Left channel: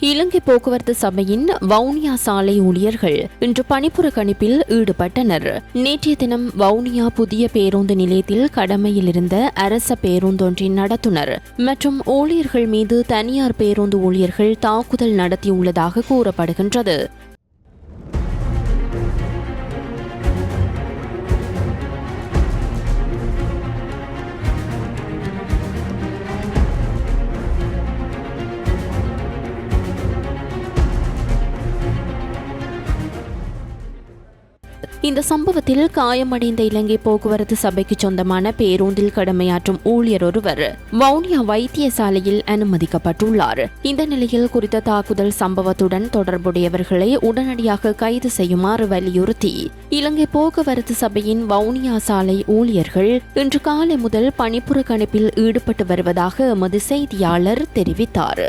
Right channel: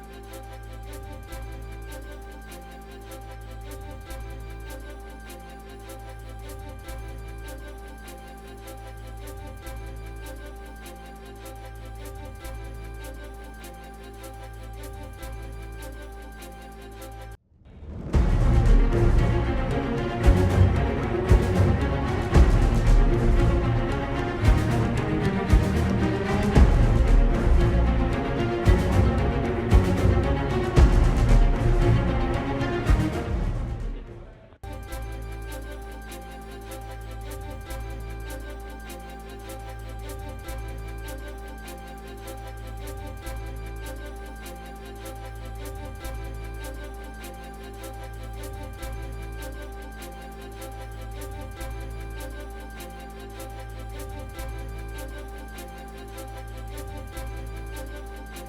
இலங்கை போக்குவரத்து சபையின் வவுனியா சாலை ஊழியர்கள் இன்று பணிப்புறக்கணிப்பில் ஈடுபட்டனர். நேற்றைய தினம் வவுனியா புதிய பேருந்து நிலையத்தில் கடமையில் இருந்த அரச பேருந்தொன்றின் நடத்துனர். மற்றும் ஊழியர்கள் மீது தனியார் பேருந்து ஊழியர்கள் தாக்குதல் நடத்தியுள்ளதாக கூறப்படுகின்றது. இந்த சம்பவத்தில் காயமடைந்த இலங்கை போக்குவரத்து சபைக்கு சொந்தமான பேருந்தில் கடமையாற்றும் ஊழியர் ஒருவர் வவுனியா வைத்தியசாலையில் அனுமதிக்கப்பட்டுள்ளார். இந்த நிலையில் குறித்த தாக்குதல் சம்பவத்துடன் தொடர்புடையவர்களை உடனடியாக கைது செய்யுமாறு வலியுறுத்தி இலங்கை போக்குவரத்து சபையின் வவுனியா சாலை ஊழியர்கள் இன்று காலை முதல் பணிப்புறக்கணிப்பில் ஈடுபட்டு வருவதாக எமது செய்தியாளர் தெரிவித்தார்.